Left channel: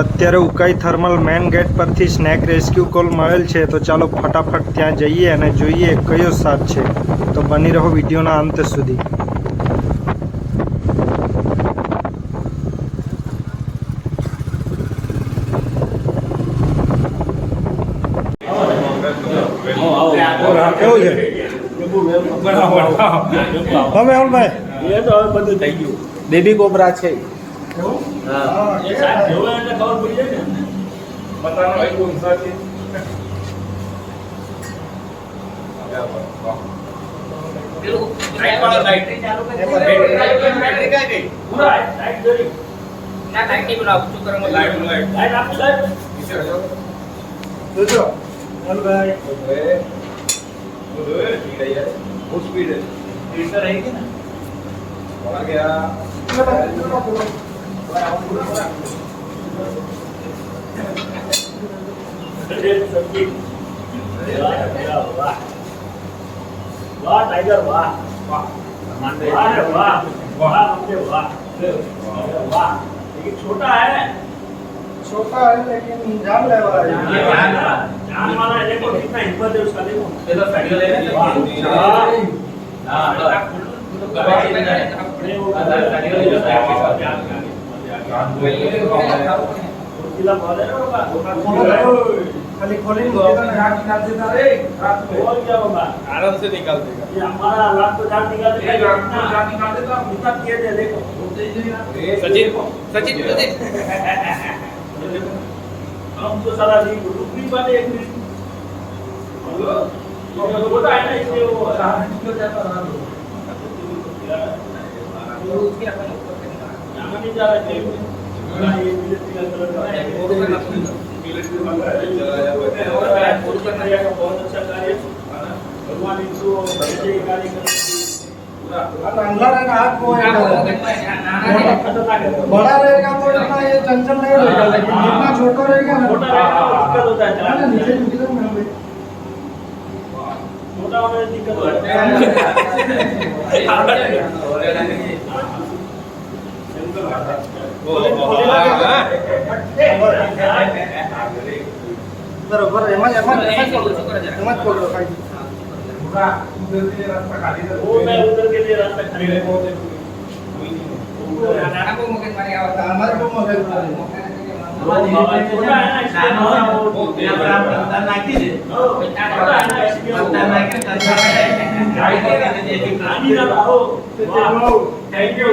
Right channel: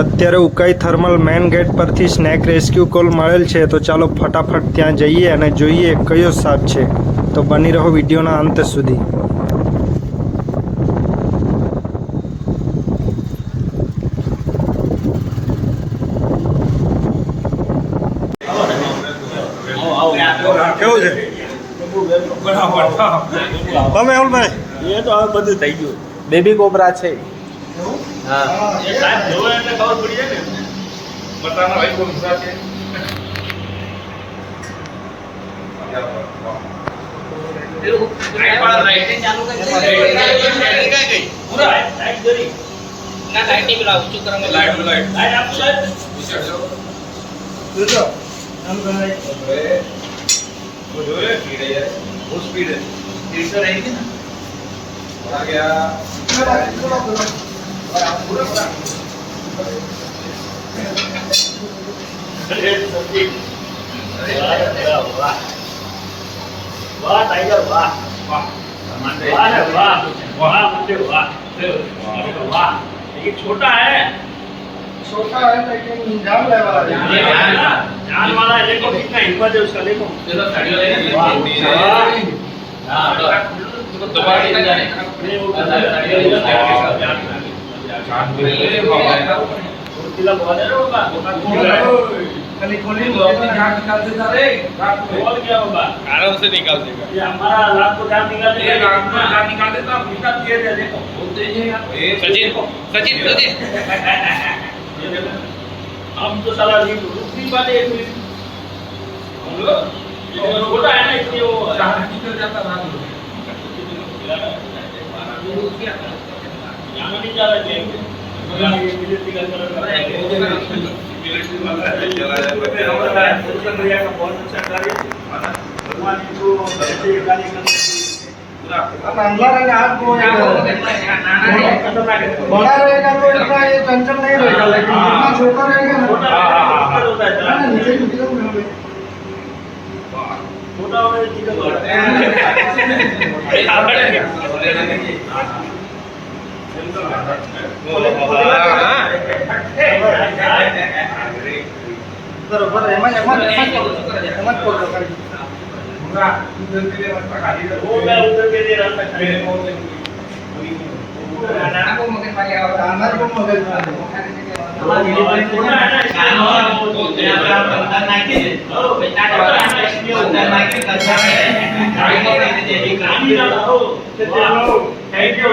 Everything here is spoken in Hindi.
અત્યારે ઉકાઈ થર્મલ મેન ગેટ પરથી સ્નેક રેસ્ક્યુ કોલ મળેલ છે, તો ચાલો ફટાફટ ત્યાં જઈએ અને જોઈએ કયો સાપ છે. તો બની રહો વિડીયોના અંત સુધી. કેવું છે તમે ભાઈ? એ તો હવે બધું થઈ ગયું. બેબી કોબરા છે. હા એ સાહેબ જોવે એટલે ખબર પડી જાય ને. મટાના ભાઈ કોણ સાથે પેલું રાઈટ વાળા રાઈટ ચાલુ કરી ગઈ પૂરા રાઈટ કરી ના લાઈટ ની પેલા ઊંચું કરવામાં લાઈટ આપો સાહેબ વિચાર જાઓ જોજો ચાલ ભાઈ ઓરે સ્પીડ है यार वो स्पीड है स्पीड तो रहेगी ना आ गया पूरा वाह टाइगर वाह वाह वाह वाह वाह मुझे वाह वाह ये छोटा है लेकिन जान ले वाला जान वाला है. देखो कितना हिम्मत है उसका. देखो चलो साड़ियों ले हां दबा के जाने नहीं वो साड़ियों ले बहुत है बाबा खाली खोली तो जान निकाल देता रे और क्या बाबा आराम से निकाल देगा. ये हमारा रात को जान निकाल देगा. रात को जान निकाल देता भीतर दे दे. देखो सचिन हम तो सारा रुकनी वाले हम लोग छोटा है ना इसलिए वो निकल जाता बाहर नहीं जा रहा है. बहुत अच्छा कार्य भगवान इनको कार्य अंदर रहेगा आपको बड़ा रहेगा तो इतना ये चंचल नहीं रहेगा, लेकिन जितना छोटा रहेगा ना छोटा होता है नीचे छोटा होने की दिक्कत बरोबर एमज पकड़ो भाई. उधर के लिए रास्ता खाली है. वो मैं उधर के लिए रास्ता खाली है. नाना को मगज मारे और हमारे को मगज मारे छोटा है ना इसलिए यहाँ पे हम अंदर ना के बेटा छोटा है ना इसलिए अंदर ना के गाड़ी ना हो. Thank you.